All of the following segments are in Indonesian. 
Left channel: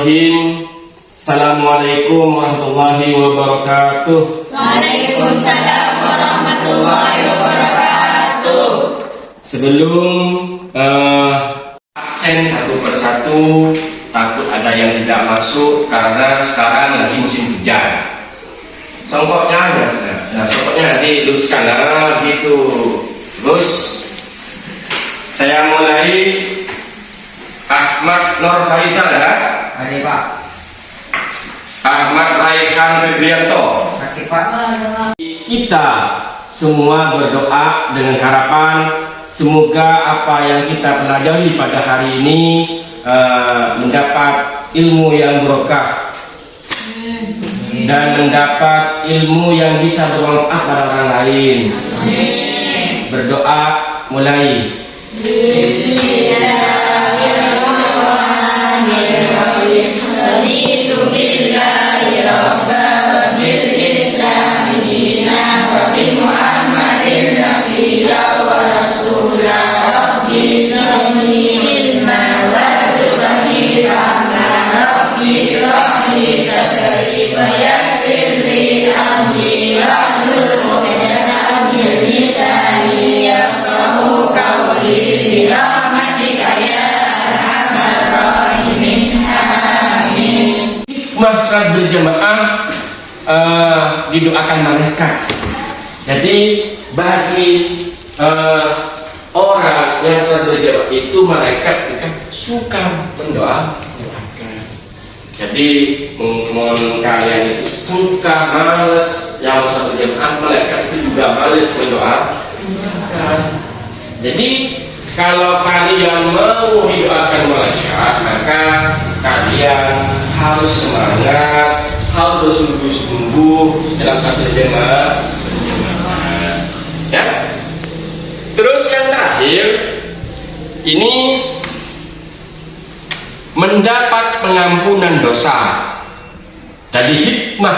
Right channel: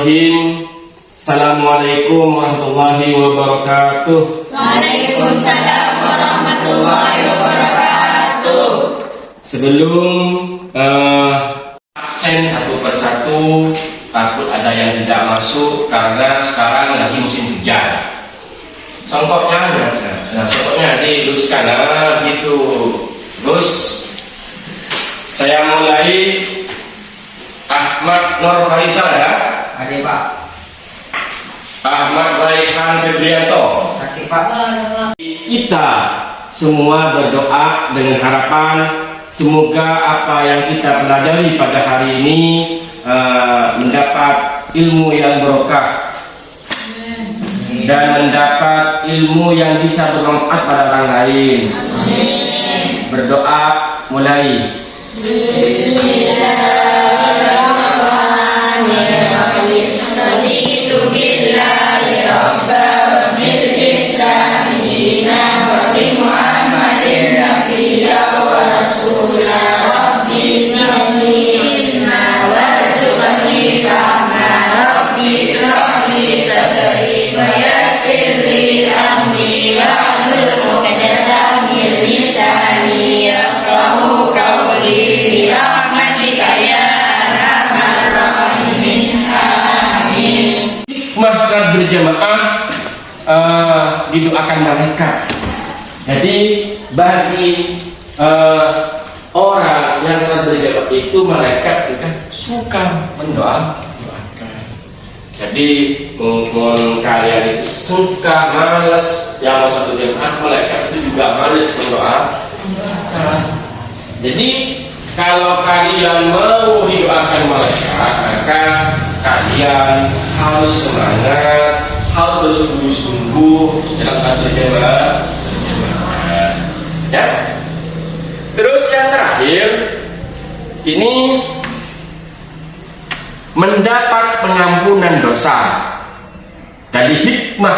Bismillahirrahmanirrahim. Assalamualaikum warahmatullahi wabarakatuh. Waalaikumsalam warahmatullahi wabarakatuh. Sebelum absen satu persatu, takut ada yang tidak masuk karena sekarang lagi musim hujan. Songkoknya diluruskan gitu. Terus saya mulai Ahmad Nur Faisal ya. Ada Pak. Ahmad Raihan Febrianto. Oke Pak. Kita semua berdoa dengan harapan semoga apa yang kita pelajari pada hari ini mendapat ilmu yang barokah dan mendapat ilmu yang bisa bermanfaat pada orang lain. Berdoa mulai. Bismillahirrahmanirrahim. Raditu billahi rabban wa bil islami dinan wa bi Muhammadin nabiyyan wa rasulan. Rabbi zidni ilma warzuqni rahmah. Rabbi ishrah li sadri wa yassir li amri wahlul 'uqdatam min lisani yafqahu qawli bi rahmatika ya arhamar rahimin. Amin. Saat berjamaah didoakan malaikat. Jadi bagi orang yang saat berjamaah itu malaikat kan suka mendoakan. Jadi mohon kalian itu suka malas yang saat berjamaah, malaikat itu juga malas mendoakan. Jadi kalau kalian mau didoakan malaikat, maka kalian harus semangat, harus bersungguh-sungguh dalam satu berjamaah. Ya. Terus yang terakhir, ini mendapat pengampunan dosa. Jadi hikmah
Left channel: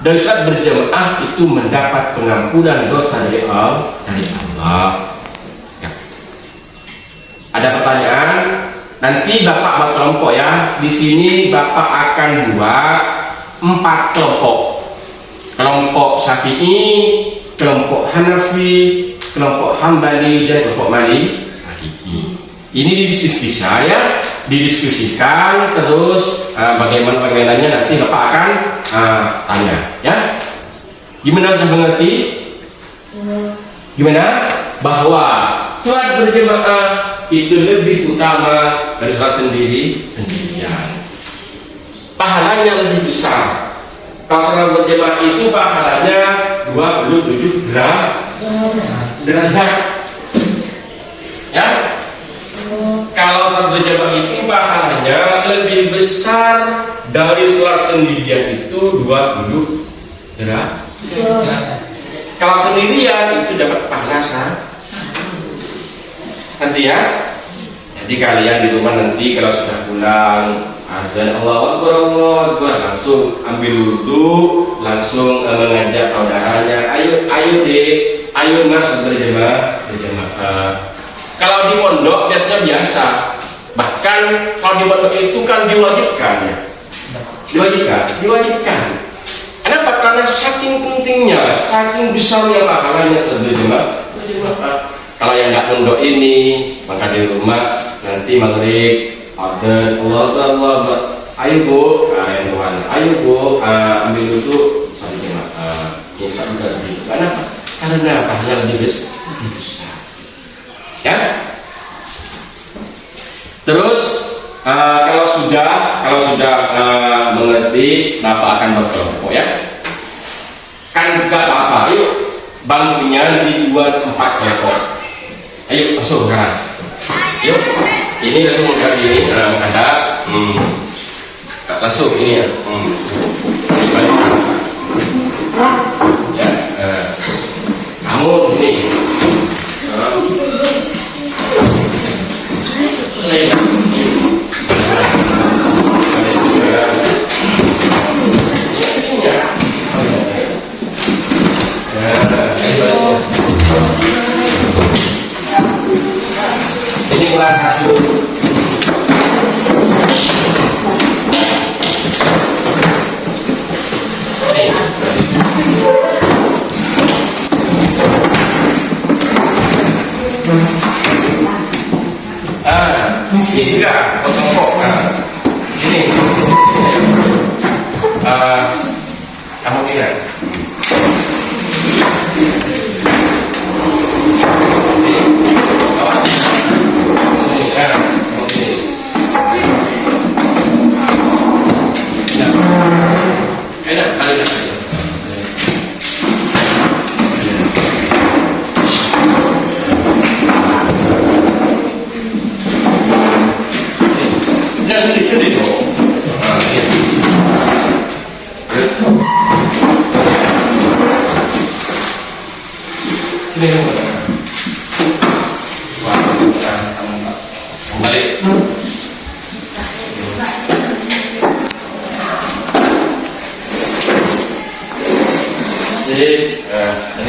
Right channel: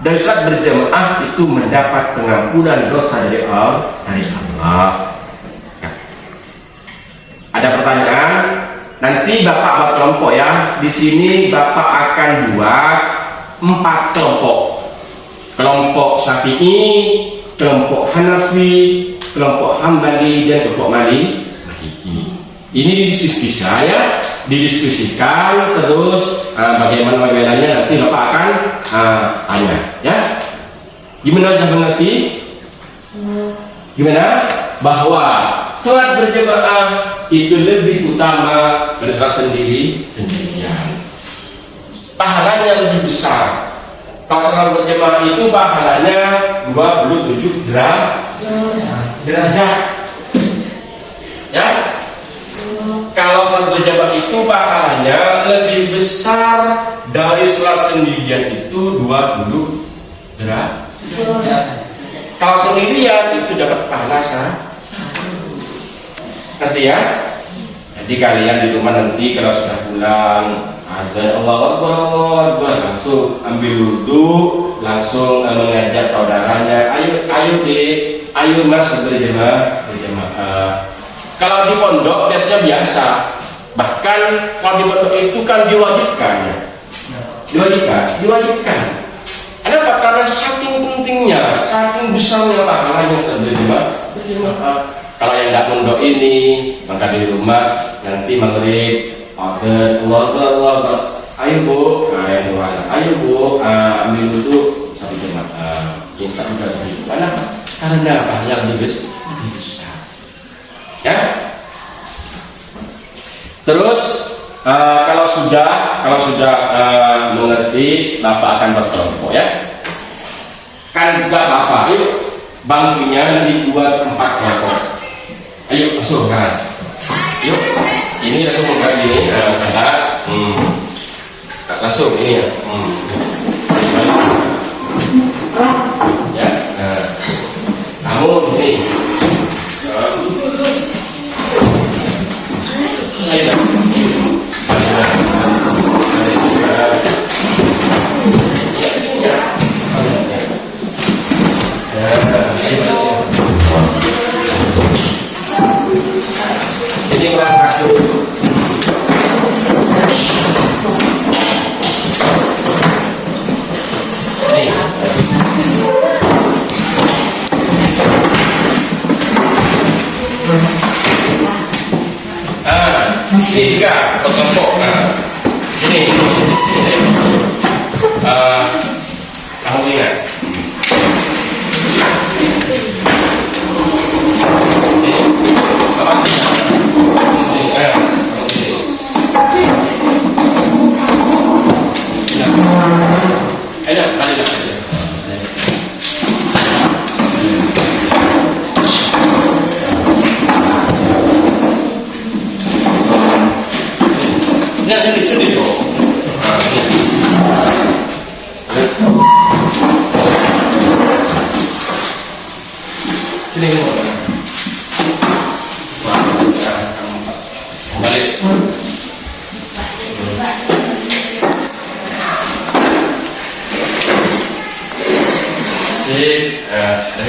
dari saat berjamaah itu mendapat pengampunan dosa dari Allah. Ya. Ada pertanyaan? Nanti Bapak buat kelompok ya. Di sini Bapak akan buat 4 kelompok. Kelompok Syafi'i, kelompok Hanafi, kelompok Hambali, dan kelompok Maliki. Ini didiskusikan ya, didiskusikan terus bagaimana nanti Bapak akan tanya ya. Gimana, sudah mengerti? Gimana? Bahwa sholat berjamaah itu lebih utama dari sholat sendirian. Pahalanya lebih besar. Kalau sholat berjamaah itu pahalanya 27 derajat. Ya. Kalau sholat berjamaah itu pahalanya lebih besar dari sholat sendirian itu 20 derajat. Kalau sendirian itu dapat pahala nanti ya. Jadi kalian di rumah nanti kalau sudah pulang azan Allahu Akbar, langsung ambil wudu, langsung mengajak saudaranya, ayo dek, ayo mas berjamaah. Kalau di pondok biasa. Bahkan kalau di pondok itu kan diwajibkan. Kenapa? Karena saking pentingnya, saking besarnya pahalanya berjamaah. Kalau yang nggak mondok ini, maka di rumah nanti maghrib order Allah, ayo bu, ayo bu, ambil wudu satu jamaah, insya Allah begitu. Karena pahalanya lebih besar. Ya. Terus kalau sudah mengerti, Bapak akan berkelompok ya. Kan juga apa? Ayo bangkunya dibuat 4 kelompok. Ayo masuk sekarang. Yuk, ini langsung buka ini, ada, masuk ini ya. Ya, kamu ini. Ini kelas 1. Kamu ingat?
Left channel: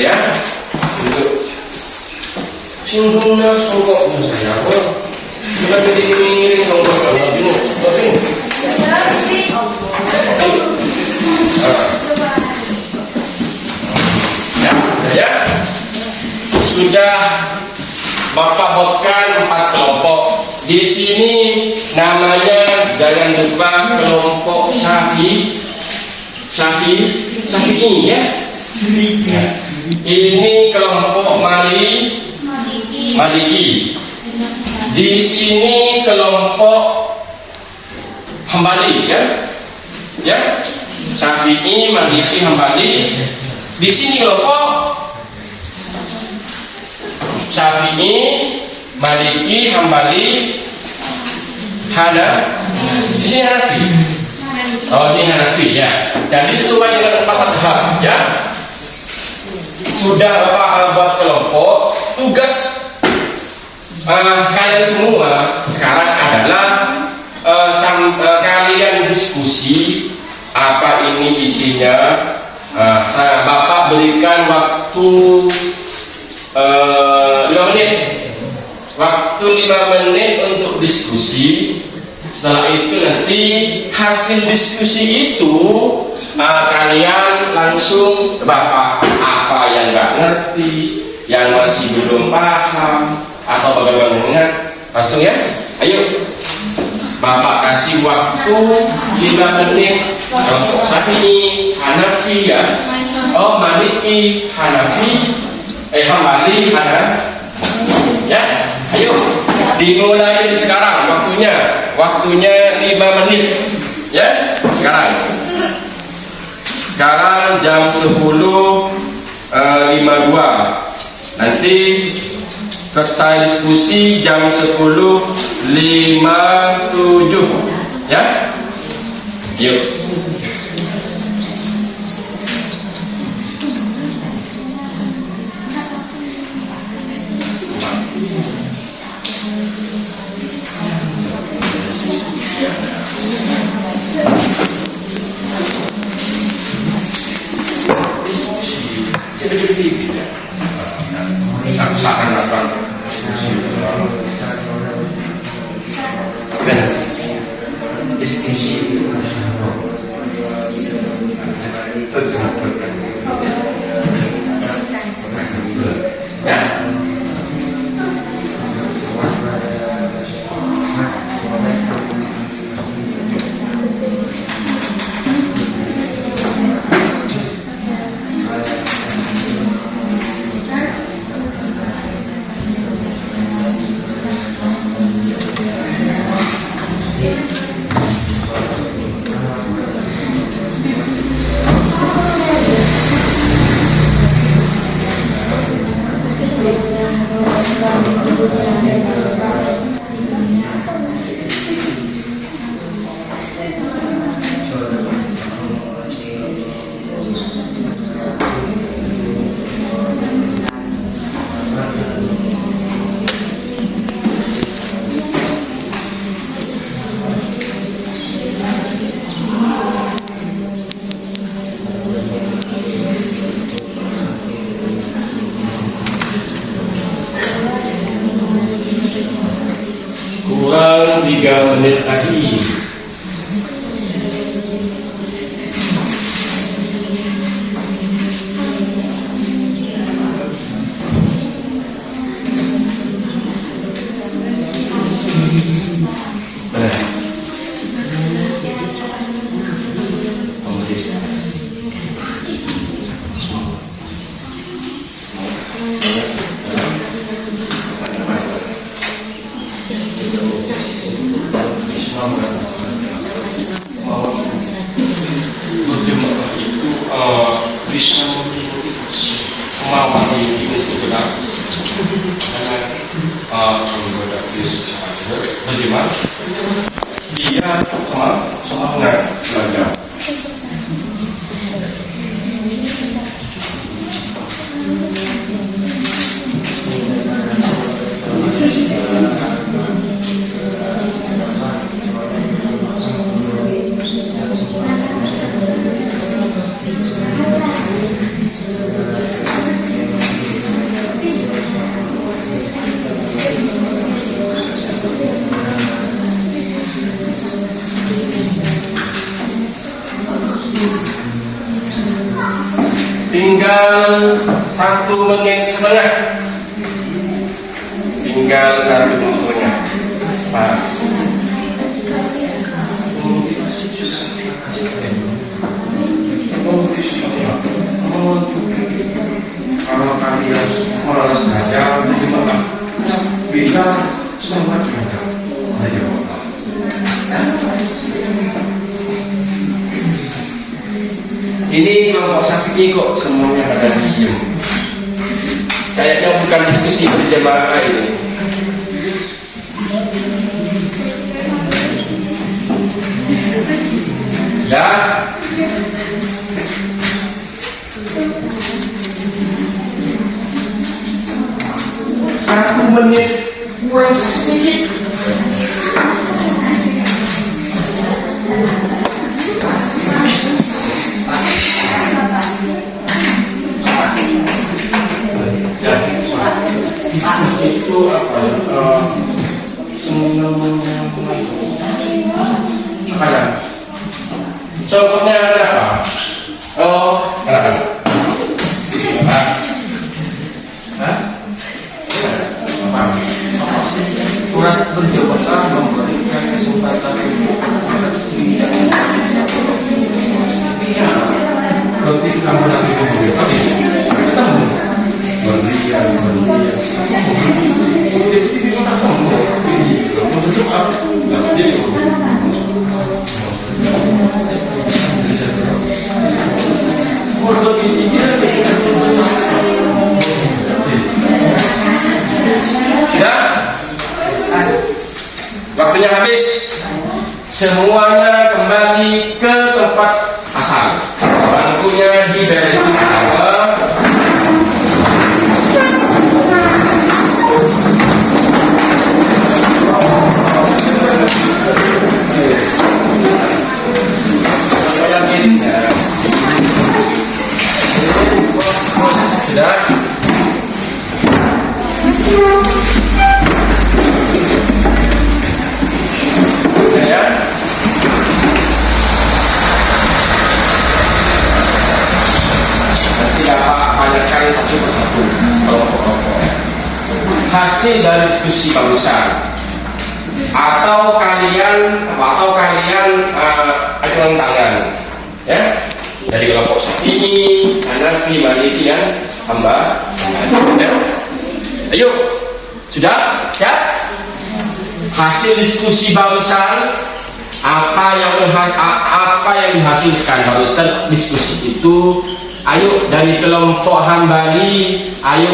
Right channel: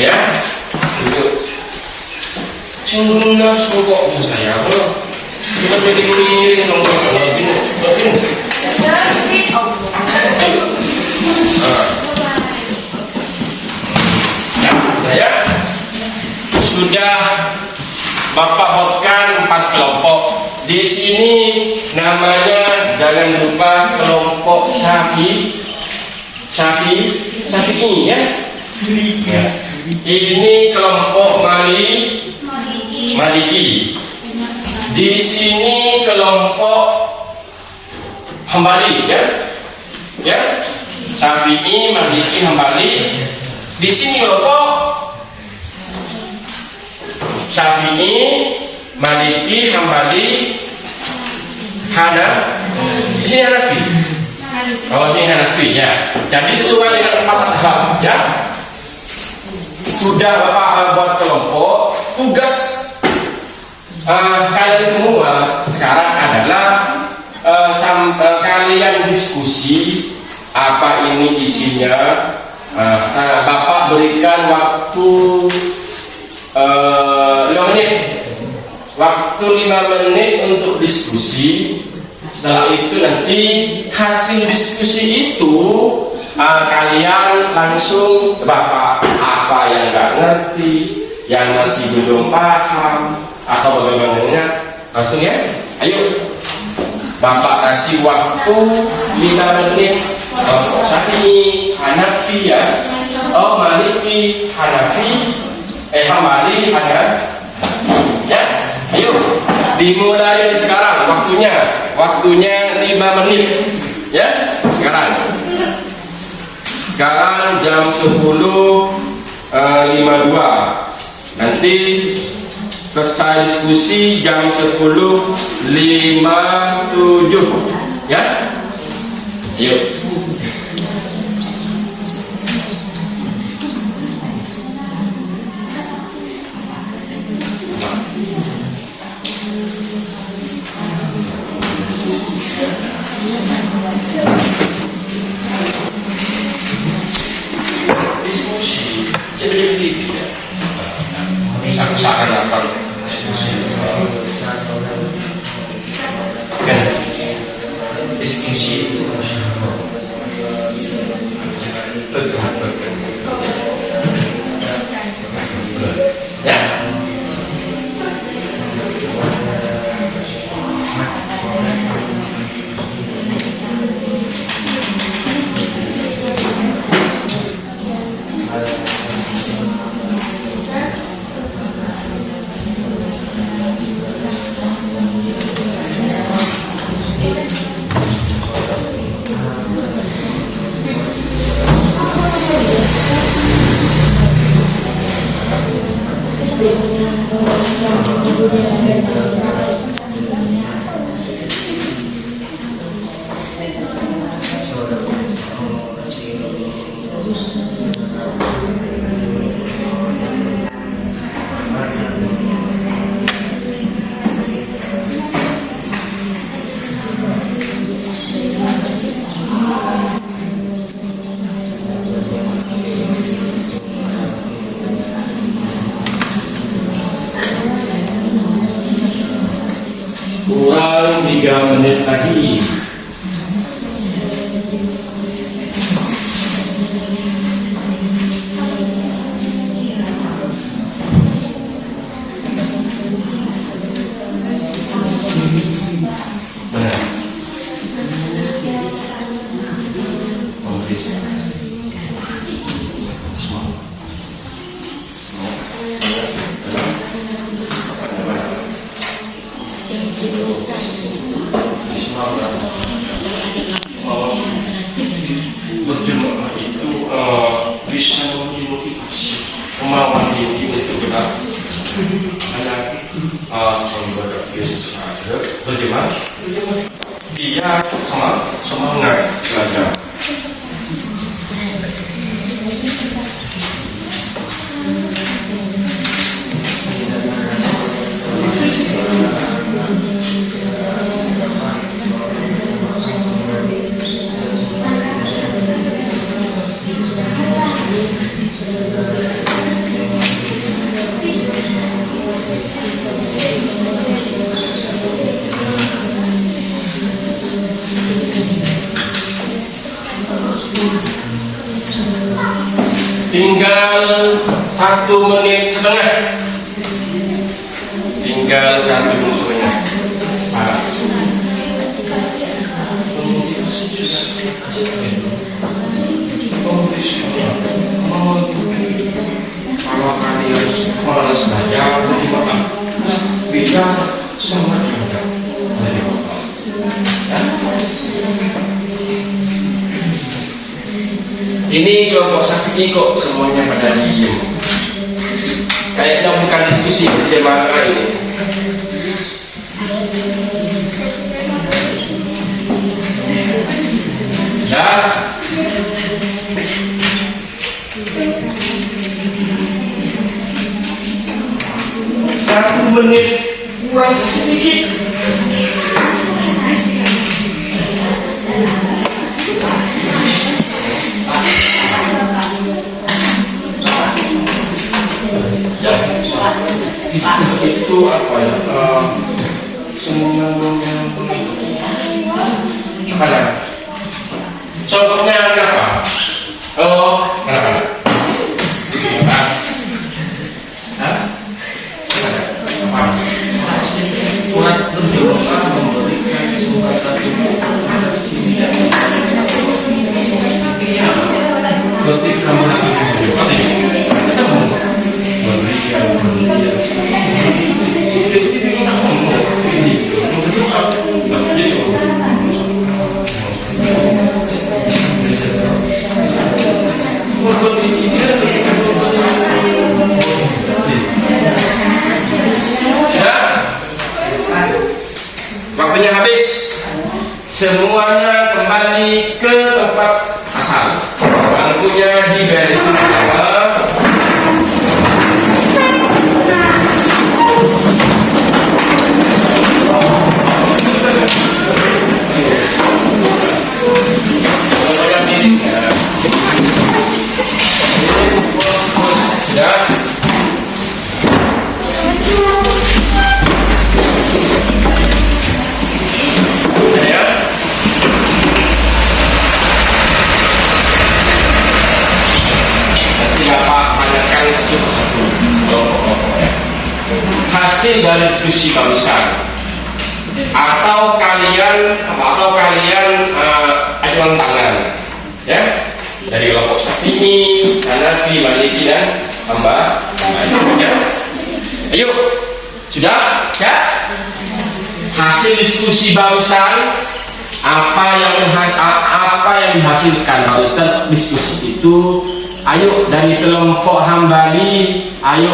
Ya, untuk cinggungnya songkoknya saya, kita miring-miring songkoknya gini, ayo, ya, saya sudah Bapak buatkan 4 kelompok. Di sini namanya jangan lupa kelompok Syafi'i ya. Ya. Ini kelompok Maliki. Di sini kelompok Hambali ya. Ya. Syafi'i, Maliki, Hambali. Di sini kelompok Syafi'i, Maliki, Hambali, di sini Hanafi. Oh, ini Hanafi ya. Jadi sesuai dengan 4 madhab ya. Sudah Bapak buat kelompok. Tugas kalian semua sekarang adalah kalian diskusi apa ini isinya. Bapak berikan waktu 5 menit. Waktu 5 menit untuk diskusi. Setelah itu nanti hasil diskusi itu kalian langsung Bapak apa yang nggak ngerti, yang masih belum paham atau bagaimana langsung ya. Ayo Bapak kasih waktu 5 menit untuk Syafi'i, Hanafi ya. Oh, Maliki, Hanafi, Hambali, ya. Ayo dimulai dari sekarang waktunya 5 menit ya. Sekarang jam 10.52. Nanti selesai diskusi jam 10.57 ya. Yuk. Diskusi jadi tidak. Aku seakan-akan diskusi. Kan diskusi itu ya. Kurang 3 menit lagi. Allah membuat Yesus hadir berjemaah dia semangat belajar. Tinggal 1 menit setengah. Tinggal 1 menit setengah. Pas. Kalau kalian malas belajar, bagaimana? Bisa semangat belajar. Ini kelompok Syafi'i kok semuanya pada diem. Kayaknya bukan diskusi berjemaah ini. Ya. Satu menit kurang sedikit. Itu apa ya? Semuanya apa ya? Contohnya ada apa? Oh, berapa? Surat berjamaah memberikan kesempatan untuk kamu lagi waktunya habis, semuanya kembali ke tempat asal. Bangkunya diberesin. Sudah. Satu persatu kelompok-kelompok hasil dari diskusi barusan atau kalian ajukan tangan ya dari kelompok Syafi'i, Hanafi, Maliki dan Hambali ya. Ayo sudah ya hasil diskusi barusan apa yang dihasilkan barusan diskusi itu. Ayo dari kelompok Hambali, ayo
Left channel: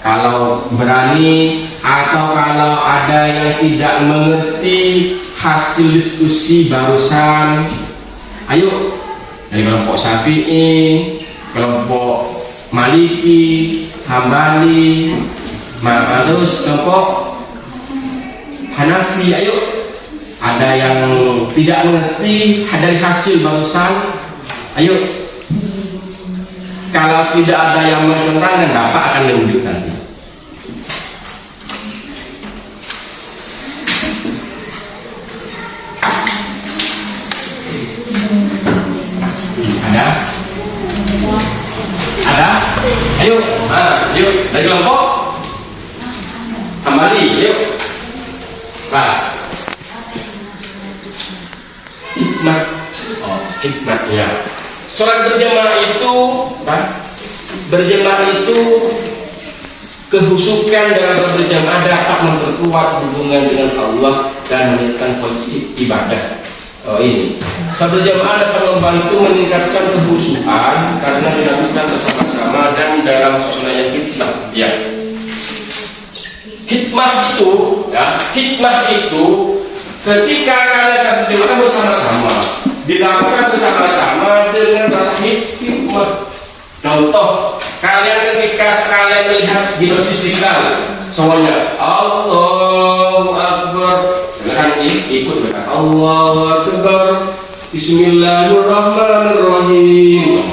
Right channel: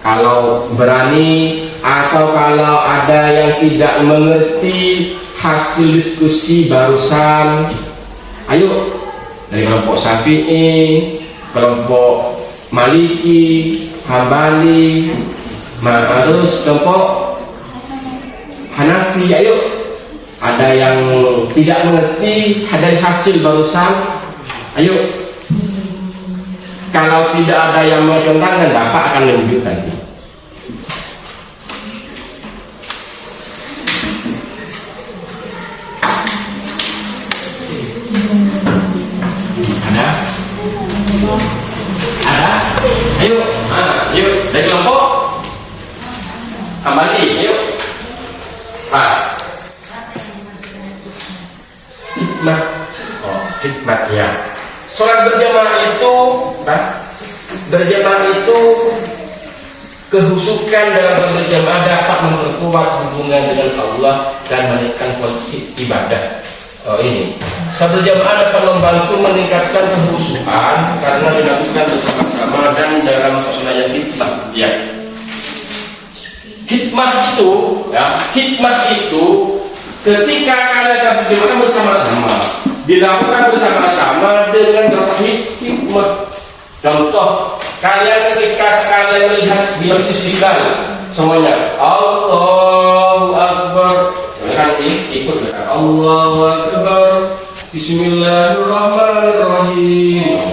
kalau berani atau kalau ada yang tidak mengerti hasil diskusi barusan, ayo dari kelompok Syafi'i, kelompok Maliki, Hambali, terus kelompok Hanafi, ayo ada yang tidak mengerti dari hasil barusan, ayo. Kalau tidak ada yang menentangkan, Bapak akan menunjuk nanti. Ada? Ada? Ayo, ayo dari kelompok Hambali, ayo. Pak. Hikmat ya. Sholat berjamaah itu kehusukan dalam berjamaah dapat memperkuat hubungan dengan Allah dan meningkatkan kualitas ibadah. Ini berjamaah dapat membantu meningkatkan kehusukan karena dilakukan bersama-sama dan dalam suasana yang hikmat. Ya. hikmah itu ketika kalian dilakukan bersama-sama, dilakukan bersama-sama dengan rasa hikmah. Contoh, kalian ketika kalian melihat di Masjid Istiqlal, semuanya Allahu Akbar, kalian ikut berkata Allahu Akbar, Bismillahirrahmanirrahim.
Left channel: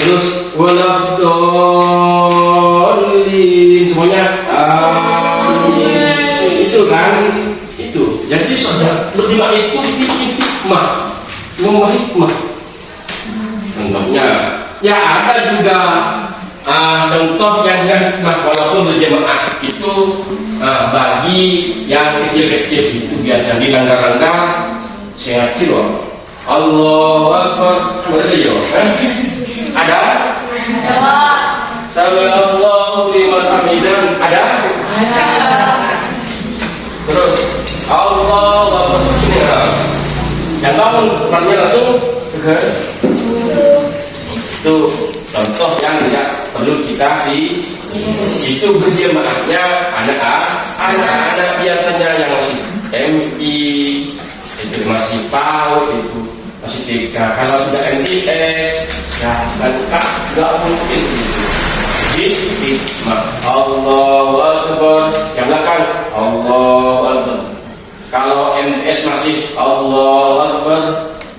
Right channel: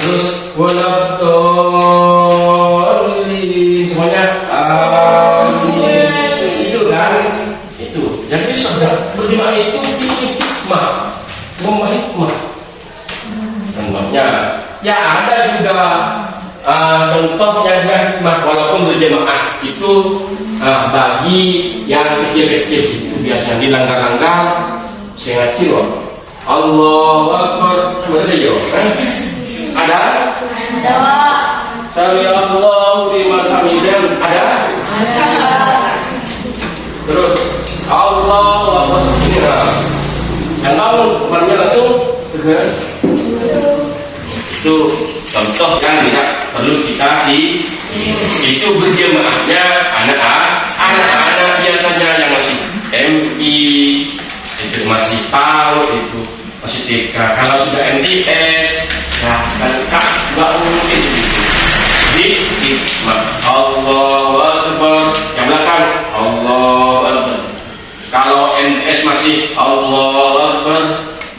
Terus waladhdallin, semuanya amin. Itu kan, itu. Jadi saudara berjemaah itu hikmah, hikmah. Contohnya, ya ada juga contoh yang hikmah walaupun berjemaah itu bagi yang kecil-kecil itu biasa di langgar-langgar saya kecil. Allahu Akbar, berdiri ada? Sami Allahu liman hamidah ada? Terus Allahu Akbar ini yang bangun depannya langsung tegak. Itu contoh yang tidak perlu kita itu berjemaahnya anak-anak biasanya yang masih MI itu masih PAUD itu masih TK. Kalau sudah MTS ya kan nggak mungkin gitu. Jadi hikmah Allahu Akbar, yang belakang Allahu Akbar. Kalau MTS masih Allahu Akbar,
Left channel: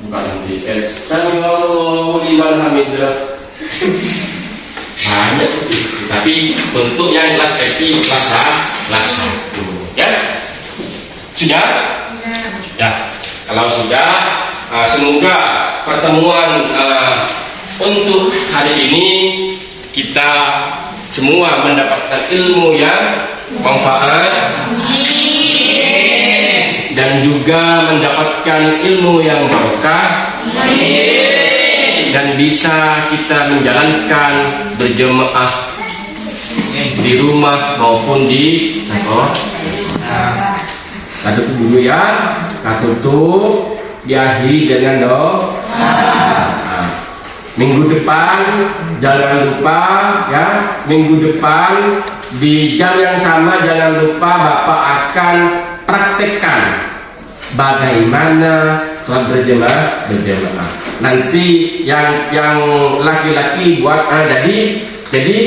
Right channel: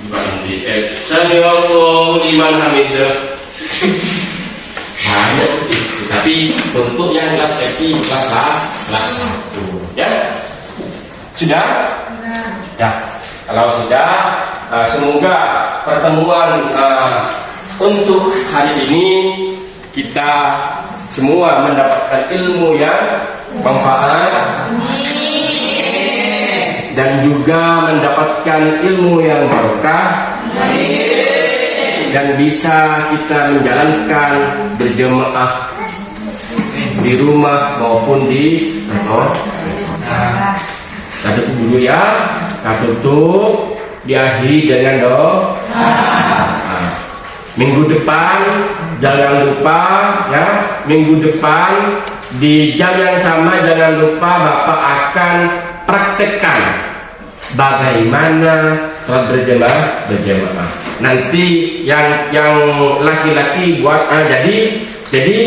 bukan MTS. Sami Allahu liman hamidah. Banyak itu, tapi bentuk yang kelas happy kelas 1 ya. Sudah? Ya. Kalau sudah, semoga pertemuan untuk hari ini kita semua mendapatkan ilmu yang manfaat dan juga mendapatkan ilmu yang barokah dan bisa kita menjalankan berjemaah di rumah maupun di sekolah. Satu dulu ya, tutup diakhiri dengan doa. Minggu depan jangan lupa ya, minggu depan di jam yang sama jangan lupa Bapak akan praktekkan bagaimana sholat berjamaah. Nanti yang laki-laki buat jadi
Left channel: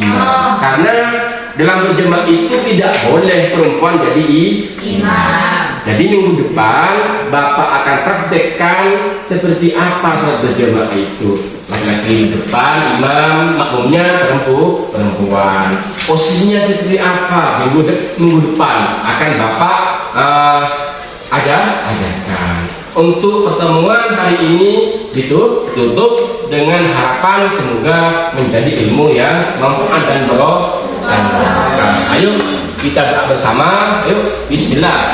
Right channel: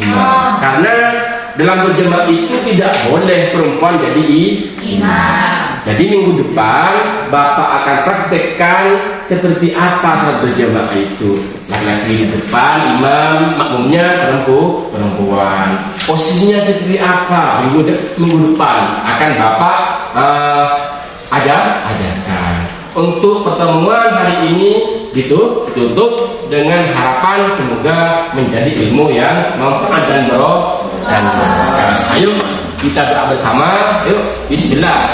imam. Karena dalam berjamaah itu tidak boleh perempuan jadi imam. Jadi minggu depan Bapak akan praktekkan seperti apa sholat berjamaah itu. Laki-laki di depan, imam, makmumnya perempuan. Posisinya seperti apa minggu depan akan Bapak ajarkan. Untuk pertemuan hari ini ditutup dengan harapan semoga menjadi ilmu yang manfaat dan barokah. Ayo kita berdoa bersama. Yuk, bismillah.